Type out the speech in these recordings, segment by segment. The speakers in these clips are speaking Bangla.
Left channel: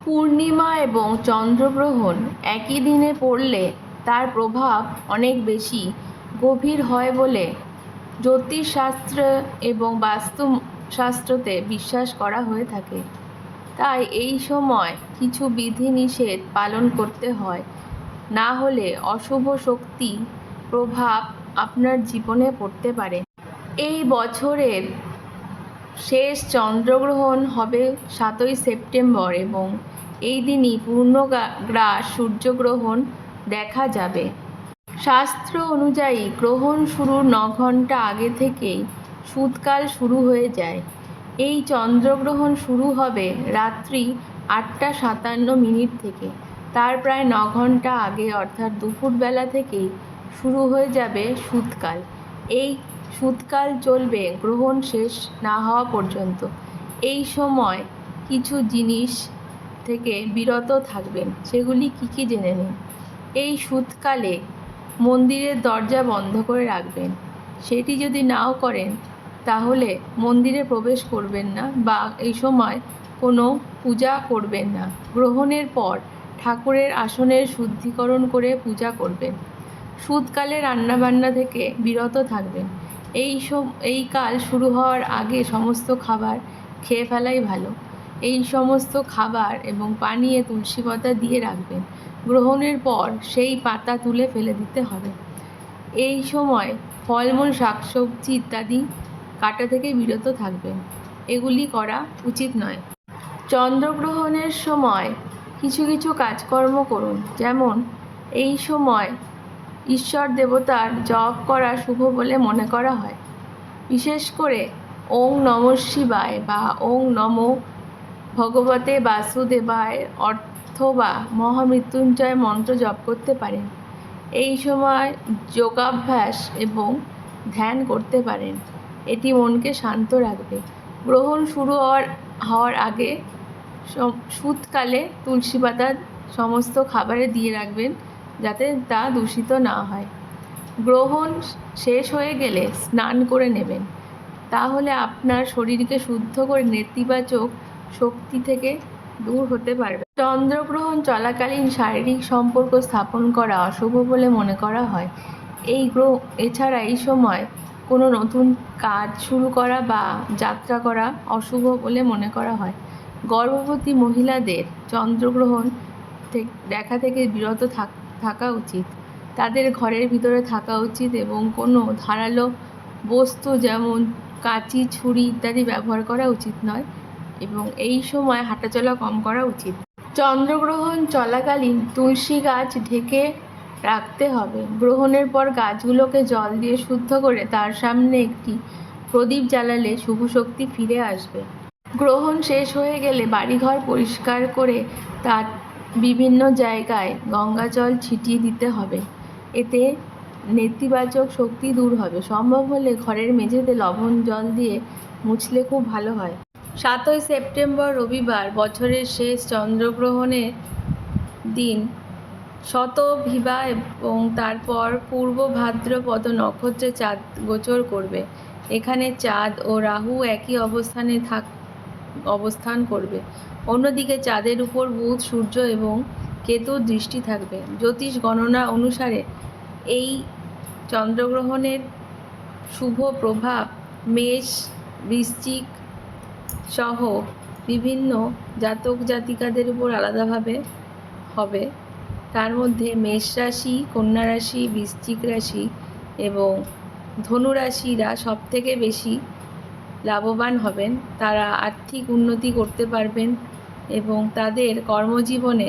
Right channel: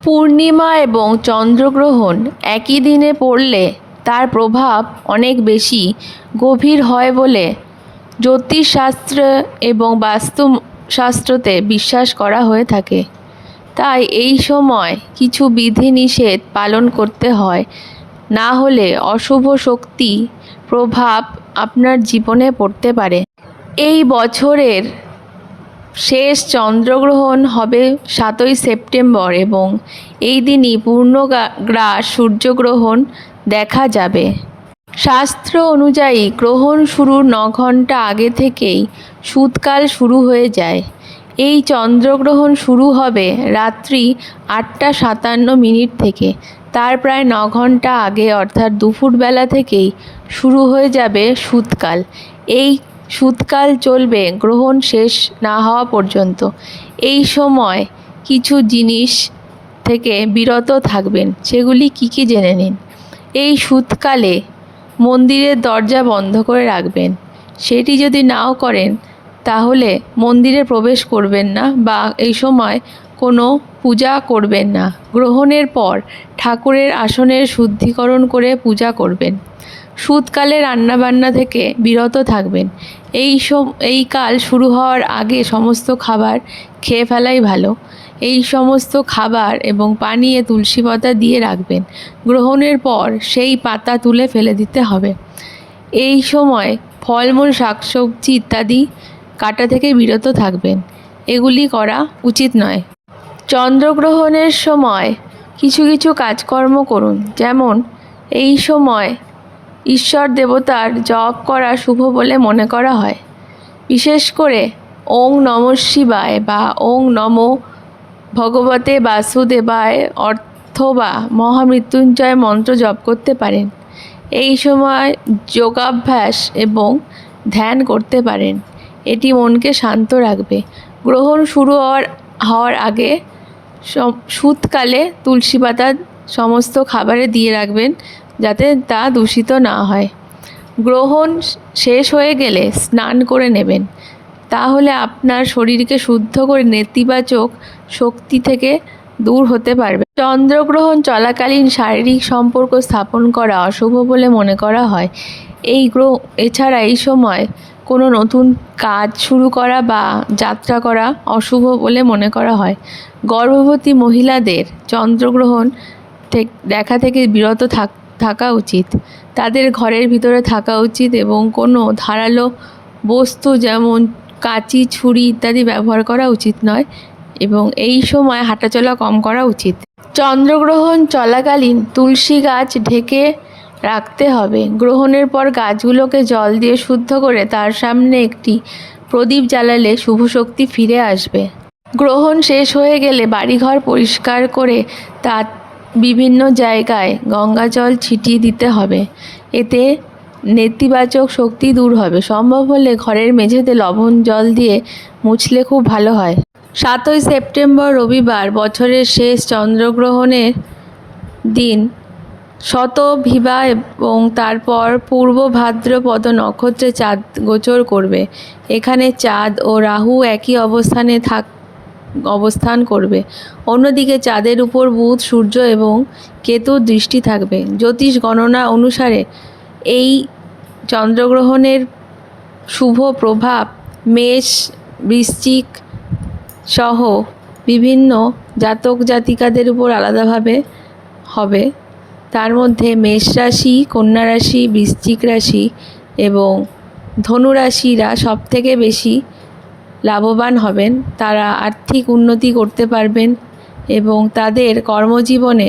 পূর্ণিমা এবং চন্দ্রগ্রহণ একই দিনে পড়লে তার প্রভাব অনেক বেশি গভীর হয় বলে জ্যোতিষশাস্ত্র এবং বাস্তুশাস্ত্রতে বিশ্বাস করা হয়ে থাকে। তাই এই সময় কিছু বিধিনিষেধ পালন করতে হয়, না হলে অশুভ শক্তি প্রভাব আপনার জীবনে পড়তে পারে। এই বছরের শেষ চন্দ্রগ্রহণ হবে 7ই সেপ্টেম্বর এবং এই দিনই পূর্ণগ্রাস সূর্যগ্রহণ দেখা যাবে। শাস্ত্র অনুযায়ী গ্রহণ শুরুর 9 ঘন্টা আগে থেকেই শূতকাল শুরু হয়ে যায়। এই চন্দ্রগ্রহণ শুরু হবে রাত্রি 8টা 57 থেকে। তার প্রায় 9 ঘন্টা আগে অর্থাৎ দুপুরবেলা থেকেই শুরু হয়ে যাবে শূতকাল। এই শূতকাল চলবে গ্রহণ শেষ না হওয়া পর্যন্ত। এই সময় কিছু জিনিস থেকে বিরত থাকবেন, সেগুলি কি জেনে নিন। এই শূতকালে মন্দিরের দরজা বন্ধ করে রাখবেন। সেটি যদি নাও করেন তাহলে মন্দিরে প্রবেশ করবেন না বা এই সময় কোনো পূজা করবেন না। গ্রহণের পর ঠাকুরের আসনের শুদ্ধিকরণ করে পূজা করবেন। শূতকালে রান্নাবান্না থেকে বিরত থাকবেন। এই কাল শুরু হওয়ার আগে সমস্ত খাবার খেয়ে ফেলাই ভালো। এই সমস্ত খাবার এবং পানীয়ে তুলসী পাতা দিয়ে রাখবেন। গ্রহণের পর সেই পাতা তুলে ফেলে দিতে হবে। এই সময় ফলমূল শাকসবজি ইত্যাদি কাটা থেকে বিরত থাকবেন। এগুলি করা উচিত নয়। চন্দ্রগ্রহণের সময় কিছু কাজকর্ম করুন, যেমন এই সময় ঈশ্বর দেবতার জপ করা শুভ বলে মনে করা হয়। বিশেষ করে ওং নমঃ শিবায় বা ওং নমো ভগবতে বাসুদেবায় অথবা মহামৃত্যুঞ্জয় মন্ত্র জপ করতে পারেন। এই সময় যোগাভ্যাস এবং ধ্যান করতে পারেন। এটি মনকে শান্ত রাখবে। গ্রহণ শুরু হওয়ার আগে শূতকালে তুলসী পাতা সমস্ত খাবারে দিয়ে রাখবেন, যাতে তা দূষিত না হয়। গ্রহণ শেষ হয়ে গেলে স্নান করে নেবেন, তাহলে আপনার শরীরকে শুদ্ধ করে নেতিবাচক শক্তি থেকে দূর হতে পারবে। চন্দ্রগ্রহণ চলাকালীন শারীরিক সম্পর্ক স্থাপন করা অশুভ বলে মনে করা হয়। এছাড়া এই সময় কোনো নতুন কাজ শুরু করা বা যাত্রা করা অশুভ বলে মনে করা হয়। গর্ভবতী মহিলাদের চন্দ্রগ্রহণ দেখা থেকে বিরত থাকা উচিত। তাদের ঘরের ভিতরে থাকা উচিত এবং কোনো ধারালো বস্তু যেমন কাঁচি ছুরি ইত্যাদি ব্যবহার করা উচিত নয় এবং এই সময় হাঁটাচলা কম করা উচিত। চন্দ্রগ্রহণ চলাকালীন তুলসী গাছ ঢেকে রাখতে হবে। গ্রহণের পর গাছগুলোকে জল দিয়ে শুদ্ধ করে তার সামনে একটি প্রদীপ জ্বালালে শুভ শক্তি ফিরে আসবে। গ্রহণ শেষ হয়ে গেলে বাড়িঘর পরিষ্কার করে তার বিভিন্ন জায়গায় গঙ্গা জল ছিটিয়ে দিতে হবে। এতে নেতিবাচক শক্তি দূর হবে। সম্ভব হলে ঘরের মেঝেতে লবণ জল দিয়ে মুছলে খুব ভালো হয়। 7ই সেপ্টেম্বর রবিবার বছরের শেষ চন্দ্রগ্রহণের দিন শতভিভা এবং তারপর পূর্ব ভাদ্রপদ নক্ষত্রে চাঁদ গোচর করবে। এখানে চাঁদ ও রাহু একই অবস্থান করবে। অন্যদিকে চাঁদের উপর বুধ, সূর্য এবং কেতুর দৃষ্টি থাকবে। জ্যোতিষ গণনা অনুসারে এই চন্দ্রগ্রহণের শুভ প্রভাব মেষ, বৃশ্চিক সহ বিভিন্ন জাতক জাতিকাদের উপর আলাদাভাবে হবে। তার মধ্যে মেষ রাশি, কন্যা রাশি, বৃশ্চিক রাশি এবং ধনু রাশিরা সবথেকে বেশি লাভবান হবেন। তারা আর্থিক উন্নতি করতে পারবেন এবং তাদের কর্মজীবনে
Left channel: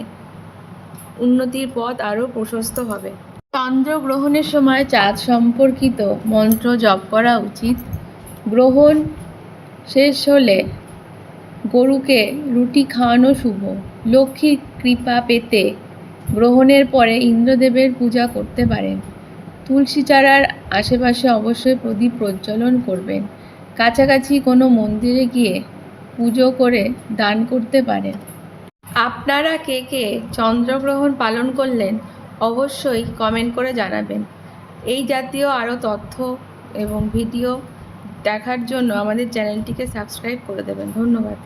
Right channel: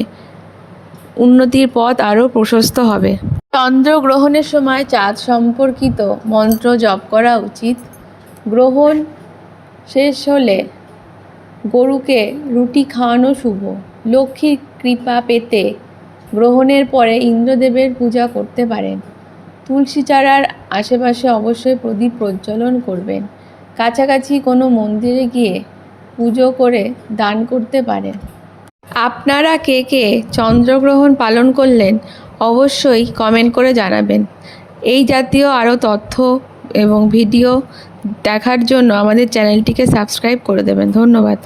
উন্নতির পথ আরও প্রশস্ত হবে। চন্দ্রগ্রহণের সময় চাঁদ সম্পর্কিত মন্ত্র জপ করা উচিত। গ্রহণ শেষ হলে গরুকে রুটি খাওয়ানো শুভ। লক্ষ্মীর কৃপা পেতে গ্রহণের পরে ইন্দ্রদেবের পূজা করতে পারেন। তুলসী চারার আশেপাশে অবশ্যই প্রদীপ প্রজ্বলন করবেন। কাছাকাছি কোনো মন্দিরে গিয়ে পুজো করে দান করতে পারেন। আপনারা কে চন্দ্রগ্রহণ পালন করলেন অবশ্যই কমেন্ট করে জানাবেন। এই জাতীয় আরও তথ্য এবং ভিডিও দেখার জন্য আমাদের চ্যানেলটিকে সাবস্ক্রাইব করে দেবেন। ধন্যবাদ।